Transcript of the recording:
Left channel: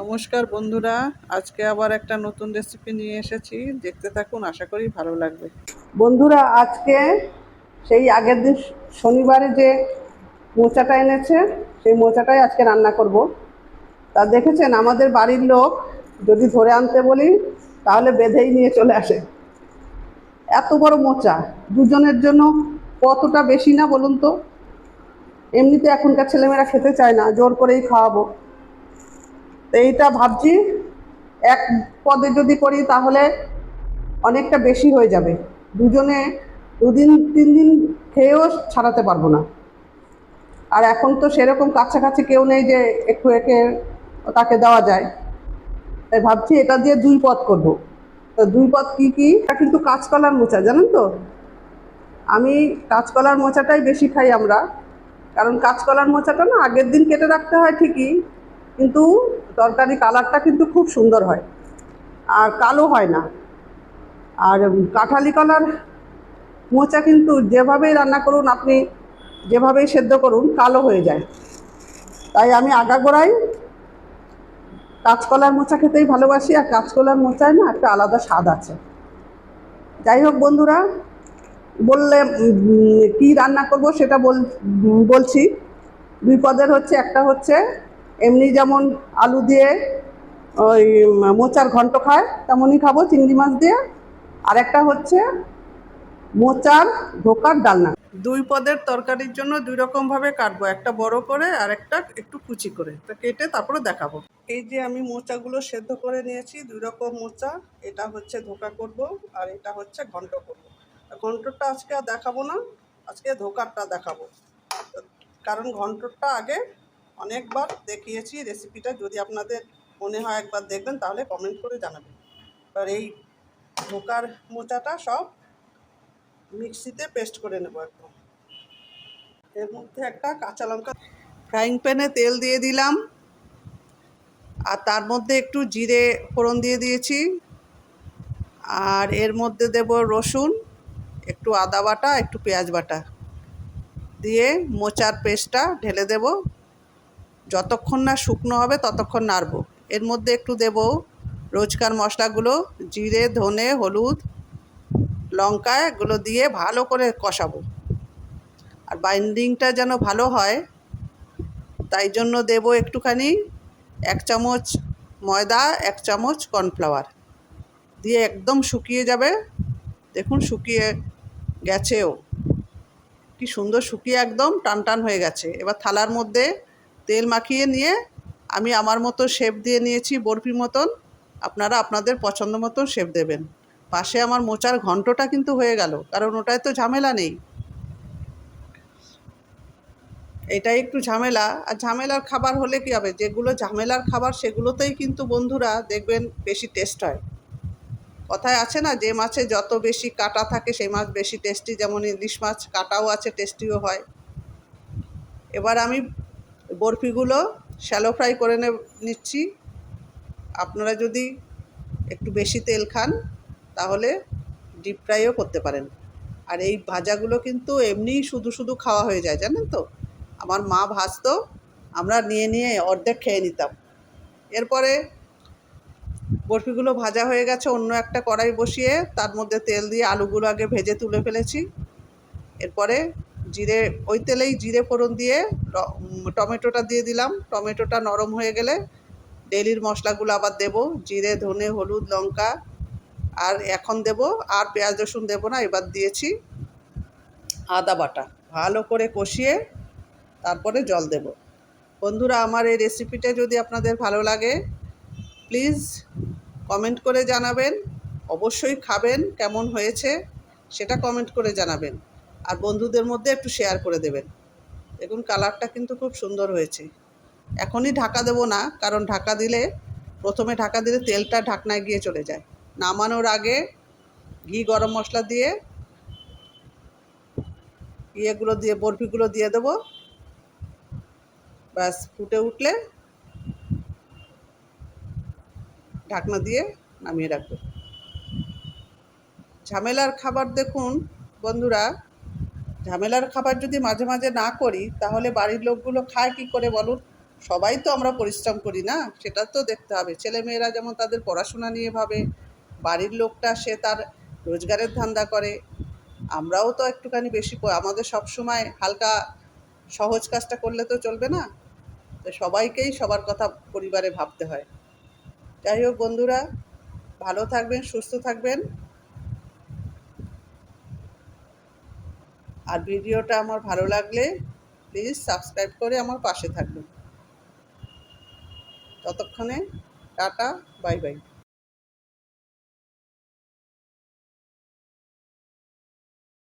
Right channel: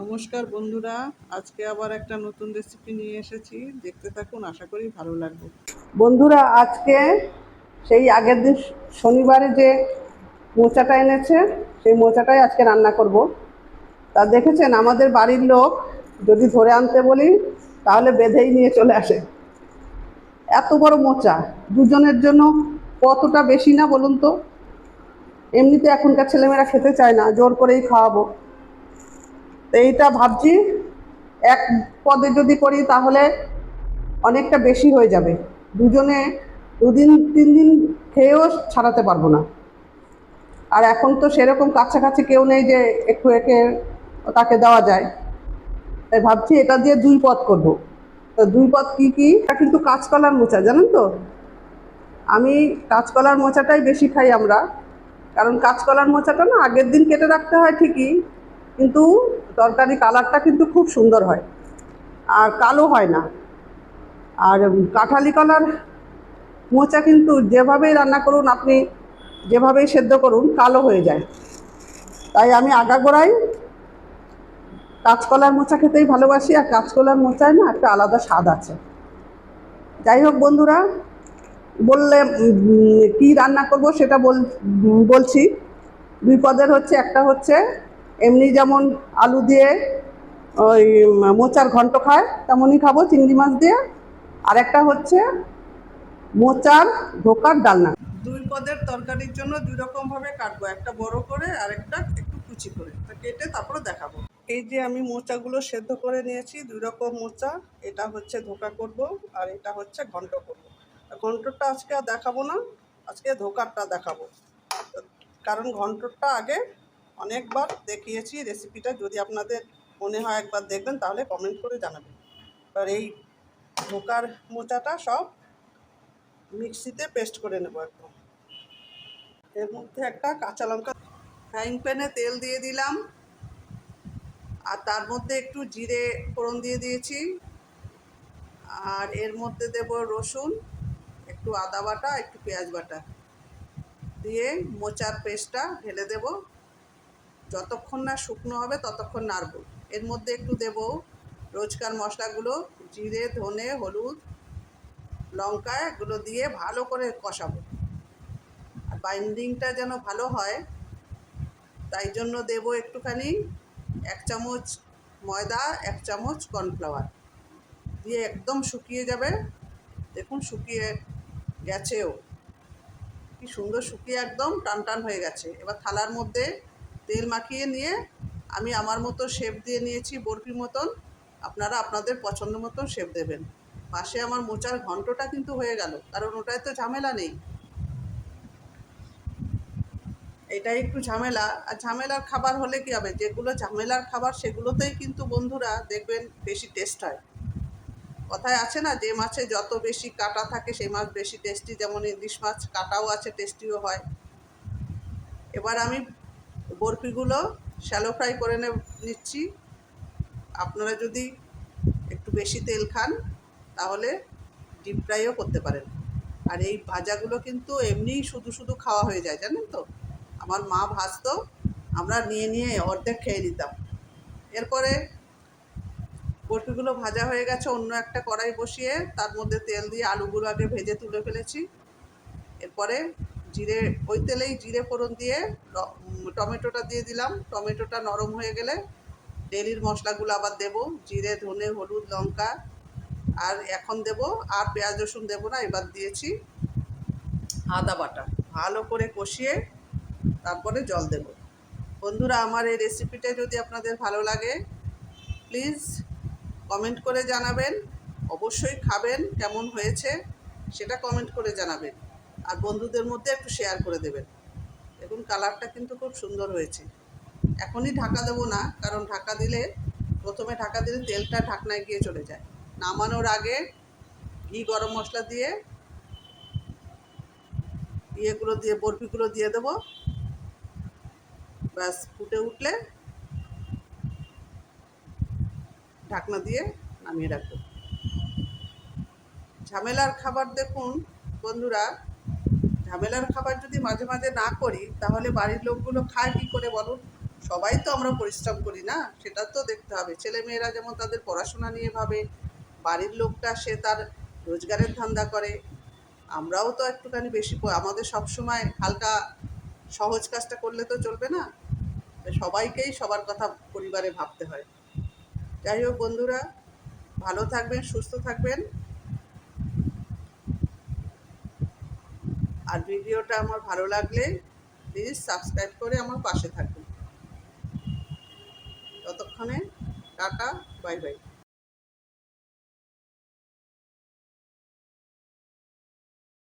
নমস্কার বন্ধুরা, আজকে আবার একটা নতুন রেসিপি নিয়ে এসেছি। দেখতে থাকুন, আশা করি ভালো লাগবে। বন্ধুরা, আজকে সেই আগের দিন শনিবারে যে মোচাটা এনেছে সেই মোচাটাই আজকে রান্না করব। তা দেখেছেন, আমাদের বাড়ির লোক যদি ধরে আনতে বলি তাহলে বেঁধেই নিয়ে চলে আসে। এত বড় মোচা দুজনের জন্য কতটা বেশি না বলুন তো। এমনিতে এখনকার ছেলেমেয়েরা খেতে চায় না, জোর করেই খাওয়াবো। তো এইটা ভাবছি এক পদে যদি করি তাহলে অনেকটা বেশি হয়ে যাবে। দুজনে 2 দিন 3 দিন খেয়েও ছাড়াতে পারবো না। আর এখন তো সেরকম কাছাকাছি কেউ নেই যে একটু একে তাকে দেওয়া যায়। তাই ভাবছি এটা দিয়ে 2 পদ করব। তো 2 পদ কি কি? এটা কিন্তু কাঁচকলার মোচা, জানেন তো। আমি কাঁচকলার মোচাটাই বেশি খাই আমরা, কারণ কাঁচকলার মোচাটা না আগের দিন কেটে রাখতে হয় ঠিকই, কিন্তু তরকারি কালারটা কিন্তু খুব সুন্দর হয় আর কালো হয় না। আর কাঁঠালি কলার মোচা কিন্তু যেভাবেই রান্না করুন আপনি, যেভাবেই সেদ্ধ করুন, কালো হয়ে যায়। তাই আমি আগাগোড়াই কাঁচকলার মোচা খেতেই ভালোবাসি, আর কাঁচকলার মোচায় না একটা আলাদা স্বাদ আছে। যাই হোক বন্ধুরা, বললে কি রান্না করব সেটা বলছি। 2 পদের হচ্ছে, একটা হচ্ছে এমনি যেমন আলু দিয়ে ওই মোচার ঘন্ট খায় তেমনই খাবো চিংড়ি মাছ দিয়ে। আর একটা হচ্ছে মোচার ধোকার ডালনা। 2 পদের তরকারির জন্য 2 রকম ভাবে কাটবো, একটা বড় করে আর একটা একটু কুচি করে। তো কেটে তারপরে দেখাবো। এই যে আমি মোচাগুলো সেদ্ধ করে নিয়েছি, 2 রকম মোচা। এটা হচ্ছে ধোকা করব আর এটা হচ্ছে ঘন্ট করব। ঘন্টটা আজকে আর দেখাবো না, আজকে ধোকারটা দেখাবো। কারণ ঘন্টটা আগে অনেকবার দেখিয়েছি রেসিপিটা, যদি আপনাদের মনে হয় একবার দেখবেন তাহলে কমেন্ট করে জানাবেন। এবার এই ধোকার মোচাটা সব মিক্সিতে পেস্ট করে নেব একদম। এর মধ্যে একটা কাঁচা লঙ্কা, ফ্রাইং প্যানে তেল দিয়ে দিলাম, আর তার মধ্যে একটু জিরে ফোড়ন দিয়ে দিয়েছি। আর এর মধ্যে দেব রসুন, একটু আদা বাটা, একটু পেঁয়াজ বাটা দিয়ে মোচার পেস্টটা ঢেলে দেব। যতক্ষণ না শুকনো হবে ততক্ষণ নাড়ব। এর মধ্যে একটু দেব রোজকার মশলাগুলো, জিরে, ধনে, হলুদ, লঙ্কা, এগুলো দিয়ে ভালো করে কষাবো। আর বাইন্ডিংটা যেন ভালো হয় তাই জন্য দেব একটুখানি 1 চামচ ময়দা, 1 চামচ কর্নফ্লাওয়ার দিয়ে একদম শুকিয়ে যাবে। দেখুন শুকিয়ে গেছেও, কি সুন্দর শুকিয়ে একদম টান টান হয়ে গেছে। এবার থালার মধ্যে তেল মাখিয়ে নিয়ে আমি আমার মতো শেপ দিয়ে নিয়েছি, বরফির মতন। আপনারা আপনাদের পছন্দ মতন শেপ দেবেন। পাশে আমার মোচার ঘন্টটা কিন্তু হয়ে গেল, কারণ ওটায় তো ঝামেলা নেই। এটাই একটু ঝামেলা, আর ঝামেলার খাবার হলে কী হবে, যেগুলো ঝামেলার খাবার সেগুলোতেই কিন্তু বন্ধুরা দেখবেন বেশি টেস্ট হয়। কথায় আছে না, যে মাছে যত বেশি কাঁটা থাকে সেই মাছ বেশি টেস্টি। যেমন ইলিশ মাছ কাঁটাও আছে, টেস্টিও হয়। এবার আমি বরফিগুলো শ্যালো ফ্রাই করে নিচ্ছি। আপনারা যদি একটু বেশি তেল খান তাহলে ডিপ ফ্রাইও করতে পারেন। আর এই ভাজাগুলো কিন্তু এমনিই শুধু শুধু খাওয়া হয়ে যায়, জানেন তো। আমার মা ভাজতো, আমরা নিয়ে নিয়ে অর্ধেক খেয়ে নিতাম। এরপরে বরফিগুলো ভাজা হয়ে গেছে, অন্য একটা কড়াই বসিয়ে তার মধ্যে তেল দিয়ে আলুগুলো আগে ভেজে তুলে ফেলেছি। এরপরে ওই তেলেই জিরে ফোড়ন দিয়ে টমেটোটা দিয়ে দিলাম। টমেটোটা নরম হয়ে গেলে ডেলির মশলাগুলো আবার দেব, জিরে, ধনে, হলুদ, লঙ্কা। আর এখন দেব, আর পেঁয়াজ রসুন দেবো না, এবার দিয়েছি আদা বাটা। ভালো করে কষিয়ে তারপরে জল দেব। বন্ধুরা, আমার এই রেসিপিটা যদি আপনাদের ভালো লাগে প্লিজ কমেন্ট করে জানাবেন। অবশ্যই খাবেন, কেমন হয়েছে সেটা কমেন্ট করে জানাবেন। আর বন্ধুদের মধ্যে একটু শেয়ার করে দেবেন। দেখুন কালারটা কিন্তু খুব সুন্দর হয়েছে। এখনই ঢাকা দেবো না, কারণ প্রথমে ঢাকা দিলে তেলটা ঢাকনায় গিয়ে চলে যায়। নামানোর আগে ঘি, গরম মশলা দিয়ে বরফিগুলো দিয়ে দেবো। ব্যাস ফুটে উঠলে ঢাকনা দিয়ে নামিয়ে রাখবো। ঝামেলার খাবার দেখুন বন্ধুরা, ঝামেলার খাবার যদি মাঝে মাঝে না করি তাহলে বাড়ির লোকগুলো খায় কী করে বলুন। সবাই তো আমরা পরিশ্রম করি না, সেটা তো দেখতে হবে। ছেলেমেয়েরা যেমন তাদের পড়াশোনা নিয়ে ভাবে, বাড়ির লোকটা সে তার রোজগারের ধান্দা করে, আমরাও তো একটুখানি বেশি আমাদের সবসময় হালকা সহজ কাজটা করলে তো চলবে না। তো সবাইকেই সবার কথা পরিবারে ভাবতে হয়। যাই হোক বন্ধুরা, ভালো থাকবেন, সুস্থ থাকবেন, আর ভিডিওটা আমার ভালো লাগলে প্লিজ সাবস্ক্রাইব করে আমার পাশে থাকবেন। ততক্ষণে টাটা, বাই বাই।